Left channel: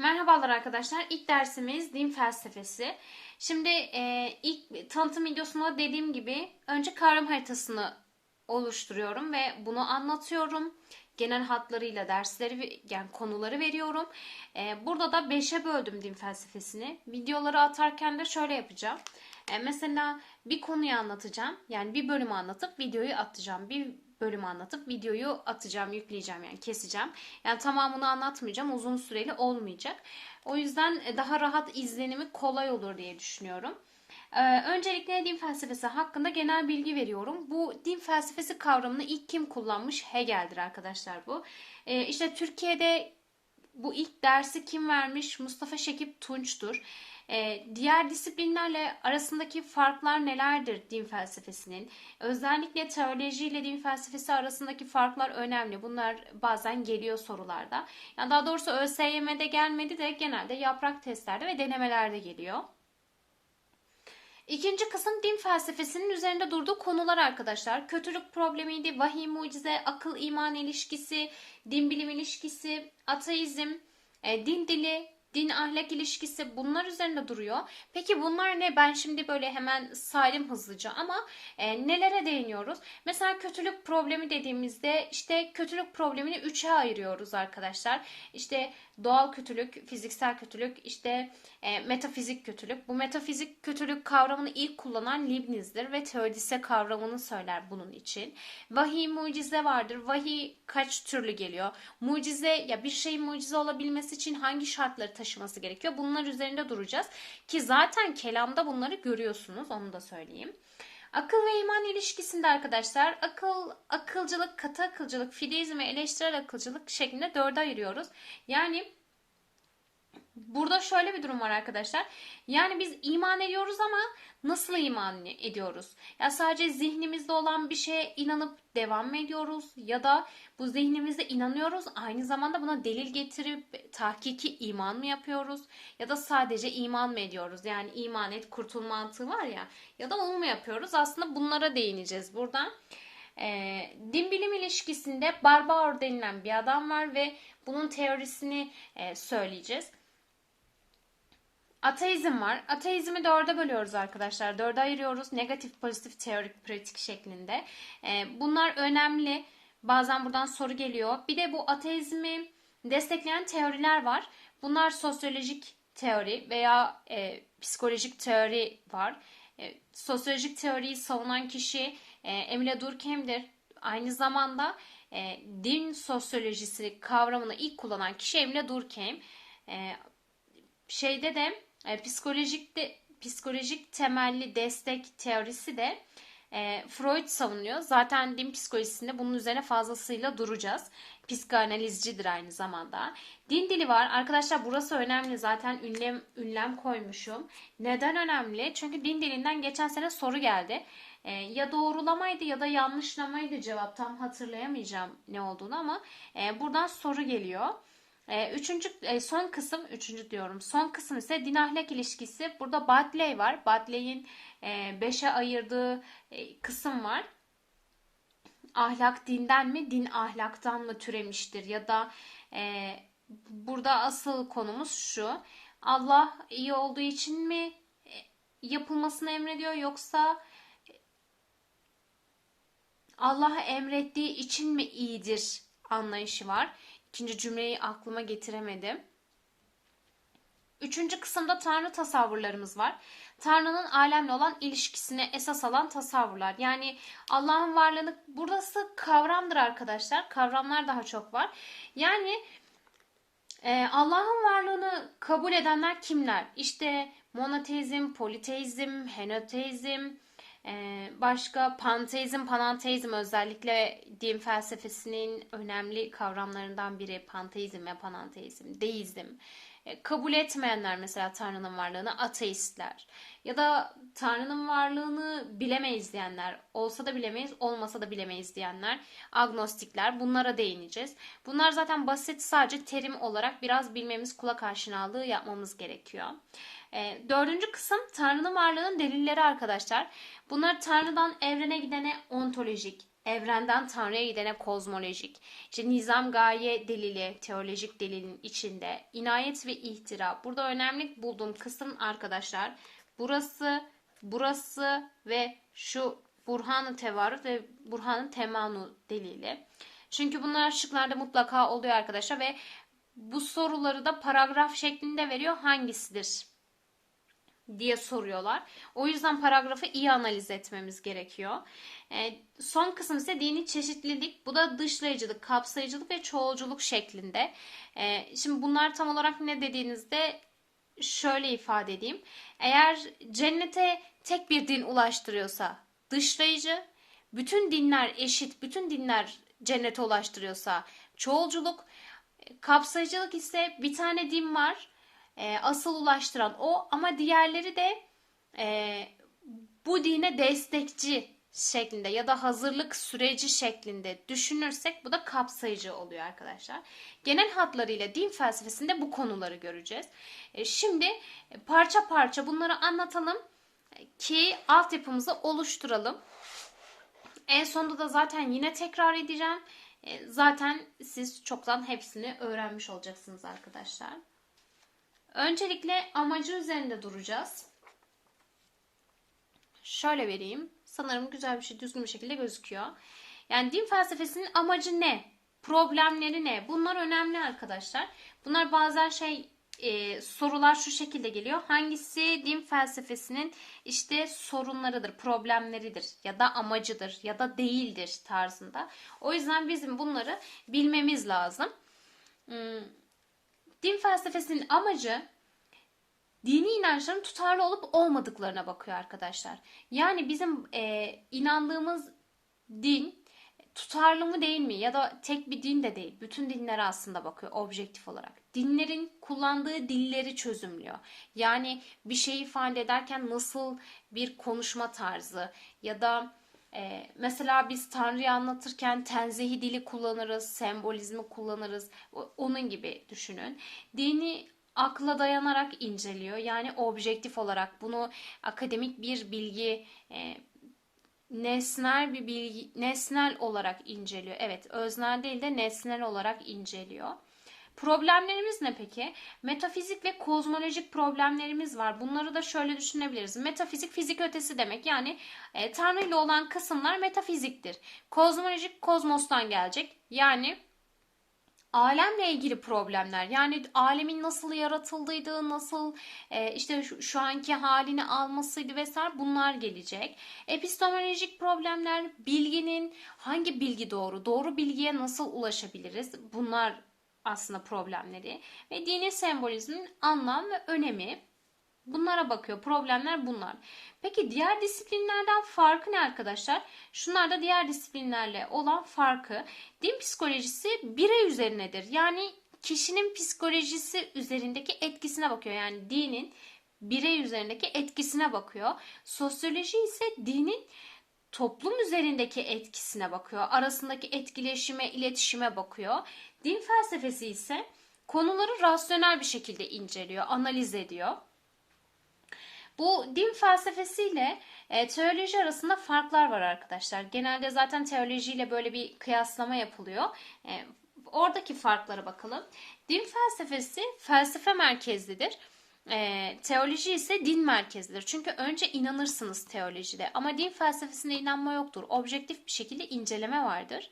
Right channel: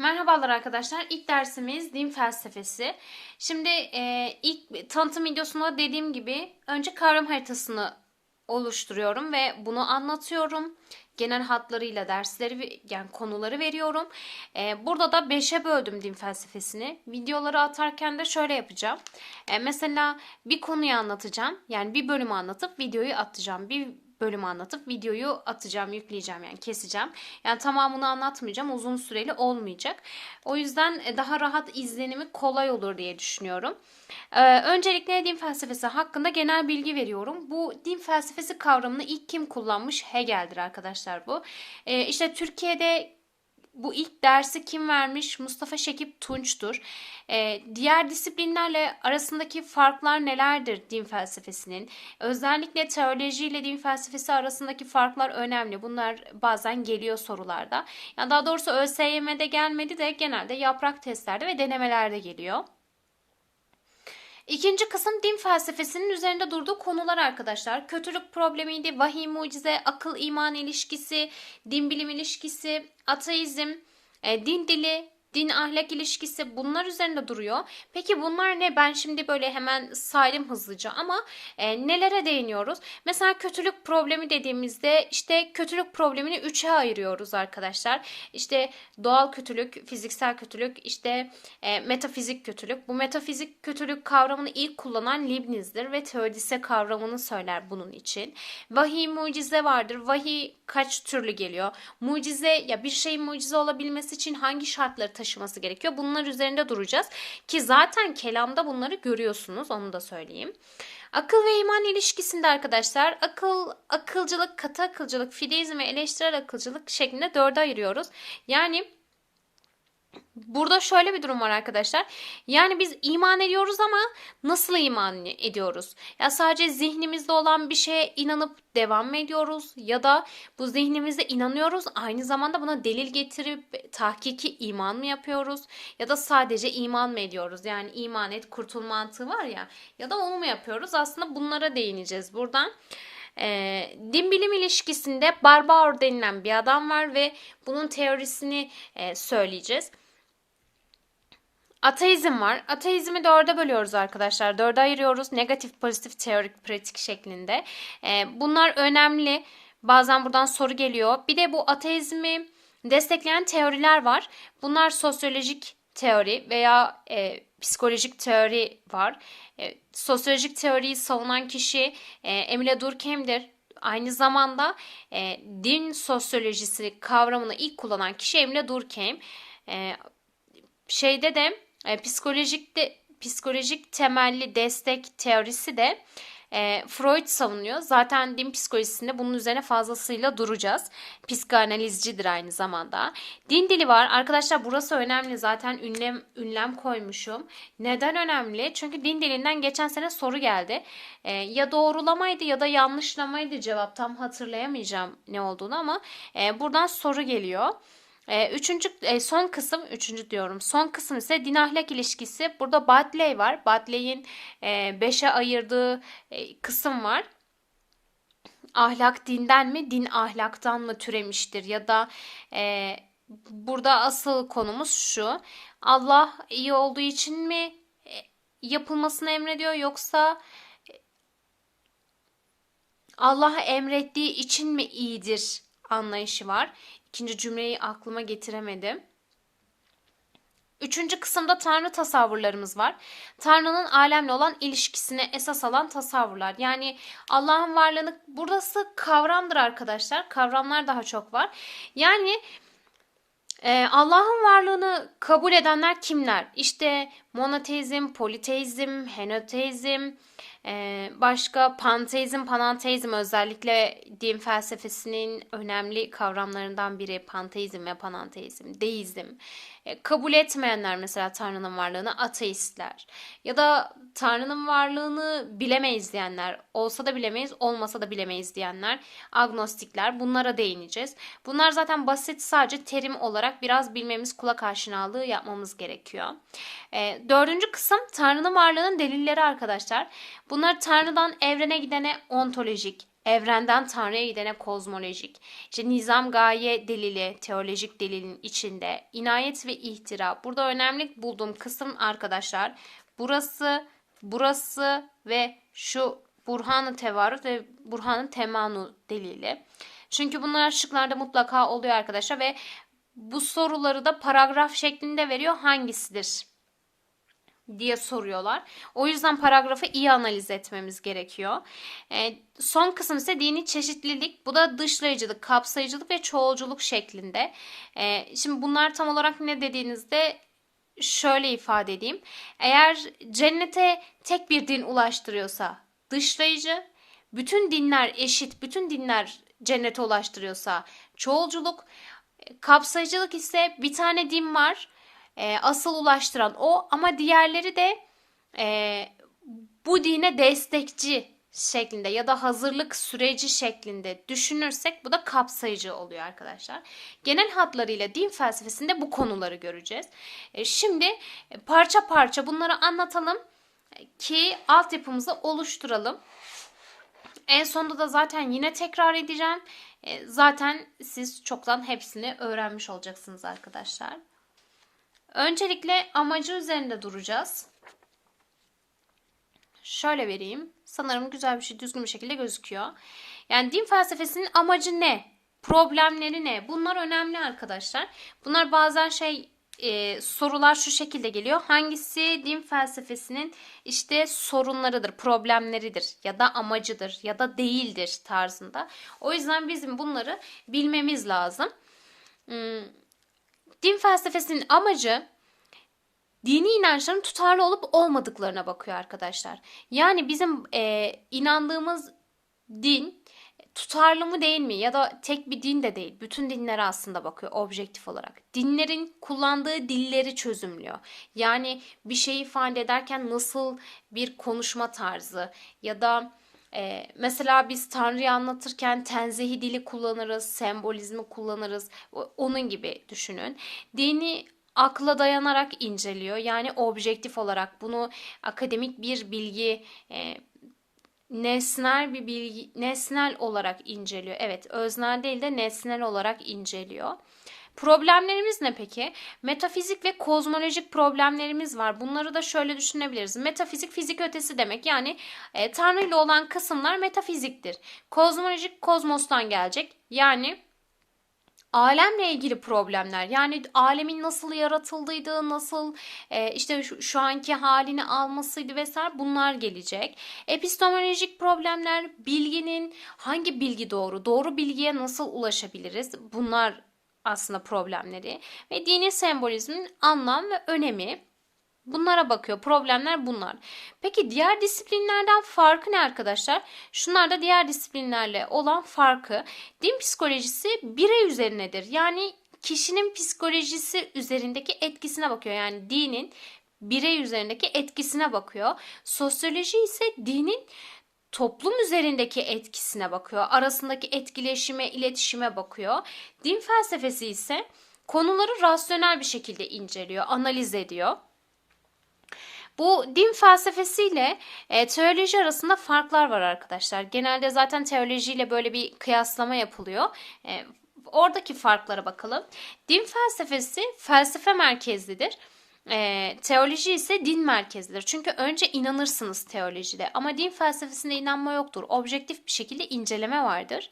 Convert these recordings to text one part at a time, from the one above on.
Merhabalar arkadaşlar. İlk dersimiz din felsefesi. Şimdi e, ilk tanıtım videosunda dediğim gibi önce kavram haritasını oluşturuyorum ve bunu anlatıyorum. Genel hatlarıyla dersleri yani konuları veriyorum. E, burada da 5'e böldüm din felsefesini. Videoları atarken de şöyle yapacağım. E, mesela bir konuyu anlatacağım. Yani bir bölümü anlatıp videoyu atacağım. Bir bölümü anlatıp videoyu atacağım, yükleyeceğim yani keseceğim. Yani tamamını anlatmayacağım. Uzun süreli olmayacak. O yüzden e, daha rahat izlenimi kolay olur diye düşünüyorum. Ee, öncelikle din felsefesi hakkında genel bilgi veriyorum. Bu din felsefesi kavramını ilk kim kullanmış? Hegel'dir arkadaşlar bu. Ee, işte Türkiye'de bu ilk dersi kim vermiş? Mustafa Şekip Tunç'tur. Ee, diğer disiplinlerle arasındaki farklar nelerdir din felsefesinin? Özellikle teoloji ile din felsefesi arasındaki farklar önemli. Bunlar bazen geliyor sorularda. Yani daha doğrusu ÖSYM'de gelmedi de genelde yaprak testlerde ve denemelerde geliyor. İkinci kısım din felsefesinin üzerinde durduğu konular arkadaşlar. Kötülük problemiydi, vahiy mucize, akıl iman ilişkisi, din bilim ilişkisi, ateizm, e, din dili, din ahlak ilişkisi bunlar üzerinde duruyor. Peki bunlar ne? Ben şimdi böyle hemen saydım hızlıca ama e, nelere değiniyoruz? Mesela kötülük problemi dediğimizde işte kötülük problemini üçe ayırıyoruz arkadaşlar. İşte doğal kötülük, fiziksel kötülük, işte e, metafizik kötülük. Bu metafizik kötülük kavramını ilk kullanan Leibniz'dir ve teodise kavramını söyler bunun için. Vahiy mucize vardır. Vahiy kaç türlü geliyor? Mucize ya bir şeyin mucize olabilmesi için hangi şartları taşıması gerekiyor? Bunlar üzerinde duracağız. Ki zaten kelamda bunları görüyorsunuz. Onu da söyleyeyim. Akıl ve iman ilişkisinde arkadaşlar akıl, akılcılık, katı akılcılık, fideizm ve eleştirel akılcılık şeklinde dörde ayırıyoruz. Yani Burada şöyle bir durum var arkadaşlar. Yani biz iman ediyoruz ama nasıl iman ediyoruz? Ya sadece zihnimizde olan bir şeye inanıp devam mı ediyoruz? Ya da bu zihnimizde inanıyoruz aynı zamanda buna delil getirip tahkiki iman mı yapıyoruz? Ya da sadece iman mı ediyoruz? Yani iman et kurtul mantığı var ya. Ya da onu mu yapıyoruz? Aslında bunlara değineceğiz buradan. E, din bilim ilişkisinde Barbaur denilen bir adam var ve bunun teorisini e, söyleyeceğiz. Ateizm var. Ateizmi dörde bölüyoruz arkadaşlar. Dörde ayırıyoruz. Negatif, pozitif, teorik, pratik şeklinde. Ee, bunlar önemli. Bazen buradan soru geliyor. Bir de bu ateizmi destekleyen teoriler var. Bunlar sosyolojik teori veya e, psikolojik teori var. E, sosyolojik teoriyi savunan kişi e, Emile Durkheim'dir. Aynı zamanda e, din sosyolojisi kavramını ilk kullanan kişi Emile Durkheim. E, şeyde de e, psikolojik psikolojik temelli destek teorisi de e, Freud savunuyor. Zaten din psikolojisinde bunun üzerine fazlasıyla duracağız. Psikanalizcidir aynı zamanda. Din dili var. Arkadaşlar burası önemli. Zaten ünlem ünlem koymuşum. Neden önemli? Çünkü din dilinden geçen sene soru geldi. E, ya doğrulamaydı ya da yanlışlamaydı cevap. Tam hatırlayamayacağım ne olduğunu ama e, buradan soru geliyor. E, üçüncü e, son kısım üçüncü diyorum. Son kısım ise din ahlak ilişkisi. Burada Badley var. Badley'in e, beşe ayırdığı e, kısım var. Ahlak dinden mi, din ahlaktan mı türemiştir ya da e, burada asıl konumuz şu. Allah iyi olduğu için mi e, yapılmasını emrediyor yoksa e, Allah emrettiği için mi iyidir anlayışı var. İkinci cümleyi aklıma getiremedim. Üçüncü kısımda Tanrı tasavvurlarımız var. Tanrı'nın alemle olan ilişkisine esas alan tasavvurlar. Yani Allah'ın varlığını burası kavramdır arkadaşlar. Kavramlar daha çok var. Yani e, Allah'ın varlığını kabul edenler kimler? İşte monoteizm, politeizm, henoteizm, ee, başka panteizm, pananteizm özellikle din felsefesinin önemli kavramlarından biri panteizm ve pananteizm, deizm. E, kabul etmeyenler mesela Tanrı'nın varlığını ateistler. Ya da Tanrı'nın varlığını bilemeyiz diyenler, olsa da bilemeyiz, olmasa da bilemeyiz diyenler, agnostikler. Bunlara değineceğiz. Bunlar zaten basit sadece terim olarak biraz bilmemiz, kulak aşinalığı yapmamız gerekiyor. E, dördüncü kısım Tanrı'nın varlığının delilleri arkadaşlar. Bunlar Tanrı'dan evrene gidene ontolojik, evrenden Tanrı'ya gidene kozmolojik. İşte nizam gaye delili, teolojik delilin içinde inayet ve ihtira. Burada önemli bulduğum kısım arkadaşlar burası, burası ve şu Burhan-ı ve Burhan-ı Temanu delili. Çünkü bunlar şıklarda mutlaka oluyor arkadaşlar ve bu soruları da paragraf şeklinde veriyor. Hangisidir? diye soruyorlar. O yüzden paragrafı iyi analiz etmemiz gerekiyor. E, son kısım ise dini çeşitlilik. Bu da dışlayıcılık, kapsayıcılık ve çoğulculuk şeklinde. E, şimdi bunlar tam olarak ne dediğinizde şöyle ifade edeyim. Eğer cennete tek bir din ulaştırıyorsa dışlayıcı, bütün dinler eşit, bütün dinler cennete ulaştırıyorsa çoğulculuk, kapsayıcılık ise bir tane din var e, asıl ulaştıran o ama diğerleri de e, bu dine destekçi şeklinde ya da hazırlık süreci şeklinde düşünürsek bu da kapsayıcı oluyor arkadaşlar. Genel hatlarıyla din felsefesinde bu konuları göreceğiz. E, şimdi parça parça bunları anlatalım ki altyapımızı oluşturalım. En sonunda da zaten yine tekrar edeceğim. E, zaten siz çoktan hepsini öğrenmiş olacaksınız arkadaşlar. Öncelikle amacı üzerinde duracağız. Şöyle vereyim. Sanırım güzel bir şey düzgün bir şekilde gözüküyor. Yani din felsefesinin amacı ne? Problemleri ne? Bunlar önemli arkadaşlar. Bunlar bazen şey e, sorular şu şekilde geliyor. Hangisi din felsefesinin işte sorunlarıdır, problemleridir ya da amacıdır ya da değildir tarzında. O yüzden bizim bunları bilmemiz lazım. Hmm, Din felsefesinin amacı dini inançların tutarlı olup olmadıklarına bakıyor arkadaşlar. Yani bizim e, inandığımız din tutarlı mı değil mi ya da tek bir din de değil. Bütün dinlere aslında bakıyor objektif olarak. Dinlerin kullandığı dilleri çözümlüyor. Yani bir şeyi ifade ederken nasıl bir konuşma tarzı ya da ee, mesela biz Tanrı'yı anlatırken tenzihi dili kullanırız, sembolizmi kullanırız. Onun gibi düşünün. Dini akla dayanarak inceliyor. Yani objektif olarak bunu akademik bir bilgi, e, nesnel bir bilgi, nesnel olarak inceliyor. Evet, öznel değil de nesnel olarak inceliyor. Problemlerimiz ne peki? Metafizik ve kozmolojik problemlerimiz var. Bunları da şöyle düşünebiliriz. Metafizik fizik ötesi demek. Yani e, Tanrı ile olan kısımlar metafiziktir. Kozmolojik kozmostan gelecek. Yani alemle ilgili problemler yani alemin nasıl yaratıldığıydı, nasıl e, işte şu, şu anki halini almasıydı vesaire bunlar gelecek. Epistemolojik problemler bilginin hangi bilgi doğru, doğru bilgiye nasıl ulaşabiliriz? Bunlar aslında problemleri ve dini sembolizmin anlam ve önemi bunlara bakıyor. Problemler bunlar. Peki diğer disiplinlerden farkı ne arkadaşlar? Şunlar da diğer disiplinlerle olan farkı. Din psikolojisi birey üzerinedir. Yani kişinin psikolojisi üzerindeki etkisine bakıyor. Yani dinin birey üzerindeki etkisine bakıyor. Sosyoloji ise dinin toplum üzerindeki etkisine bakıyor. Arasındaki etkileşime, iletişime bakıyor. Din felsefesi ise konuları rasyonel bir şekilde inceliyor, analiz ediyor. Bu din felsefesiyle e, teoloji arasında farklar var arkadaşlar. Genelde zaten teolojiyle böyle bir kıyaslama yapılıyor. E, oradaki farklara bakalım. Din felsefesi felsefe merkezlidir. E, teoloji ise din merkezlidir. Çünkü önce inanırsınız teolojide ama din felsefesinde inanma yoktur. Objektif bir şekilde inceleme vardır.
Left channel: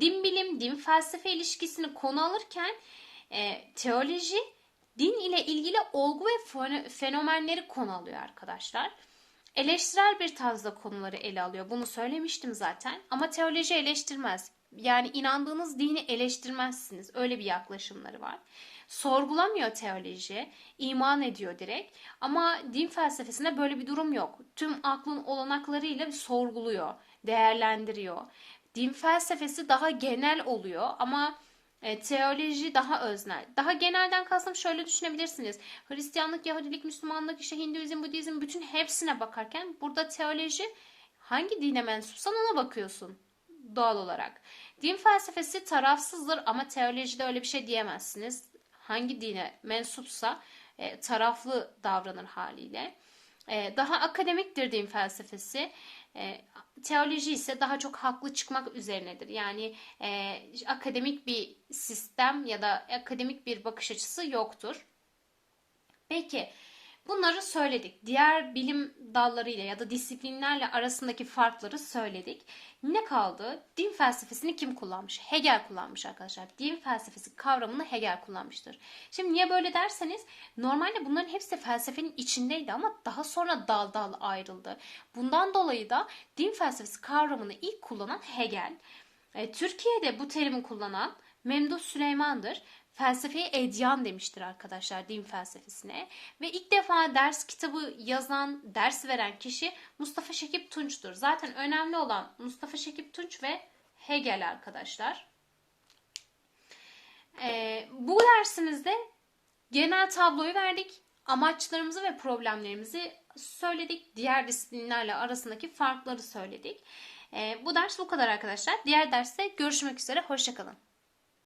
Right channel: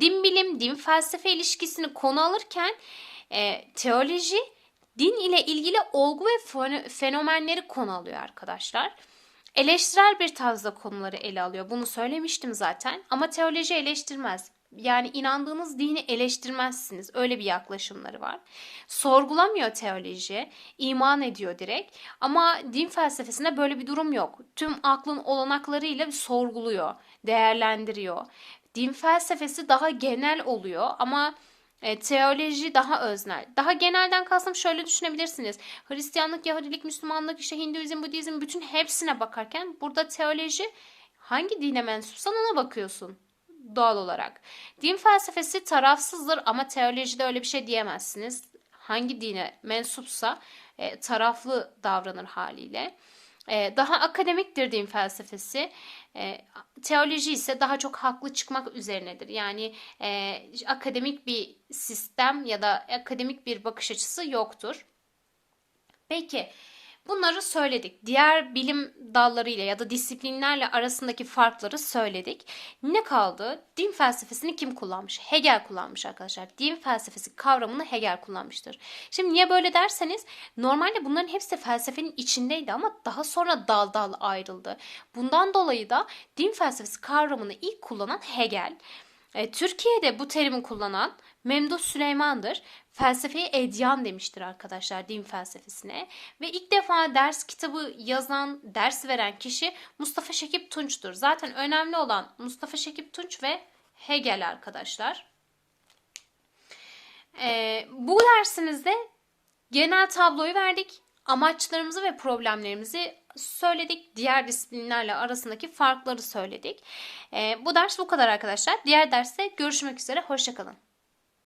Din bilim, din felsefe ilişkisini konu alırken e, teoloji din ile ilgili olgu ve fenomenleri konu alıyor arkadaşlar. Eleştirel bir tarzda konuları ele alıyor. Bunu söylemiştim zaten. Ama teoloji eleştirmez yani inandığınız dini eleştirmezsiniz. Öyle bir yaklaşımları var. Sorgulamıyor teoloji, iman ediyor direkt. Ama din felsefesinde böyle bir durum yok. Tüm aklın olanaklarıyla sorguluyor, değerlendiriyor. Din felsefesi daha genel oluyor ama e, teoloji daha öznel. Daha genelden kastım şöyle düşünebilirsiniz. Hristiyanlık, Yahudilik, Müslümanlık, işte Hinduizm, Budizm bütün hepsine bakarken burada teoloji hangi dine mensupsan ona bakıyorsun doğal olarak. Din felsefesi tarafsızdır ama teolojide öyle bir şey diyemezsiniz. Hangi dine mensupsa e, taraflı davranır haliyle. e, daha akademiktir din felsefesi. E, teoloji ise daha çok haklı çıkmak üzerinedir. Yani e, akademik bir sistem ya da akademik bir bakış açısı yoktur. Peki bunları söyledik. Diğer bilim dallarıyla ya da disiplinlerle arasındaki farkları söyledik. Ne kaldı? Din felsefesini kim kullanmış? Hegel kullanmış arkadaşlar. Din felsefesi kavramını Hegel kullanmıştır. Şimdi niye böyle derseniz normalde bunların hepsi felsefenin içindeydi ama daha sonra dal dal ayrıldı. Bundan dolayı da din felsefesi kavramını ilk kullanan Hegel. E, Türkiye'de bu terimi kullanan Memduh Süleyman'dır. Felsefeyi edyan demiştir arkadaşlar din felsefesine. Ve ilk defa ders kitabı yazan, ders veren kişi Mustafa Şekip Tunç'tur. Zaten önemli olan Mustafa Şekip Tunç ve Hegel arkadaşlar. Ee, bu dersimizde genel tabloyu verdik. Amaçlarımızı ve problemlerimizi söyledik. Diğer disiplinlerle arasındaki farkları söyledik. Ee, bu ders bu kadar arkadaşlar. Diğer derste görüşmek üzere. Hoşçakalın.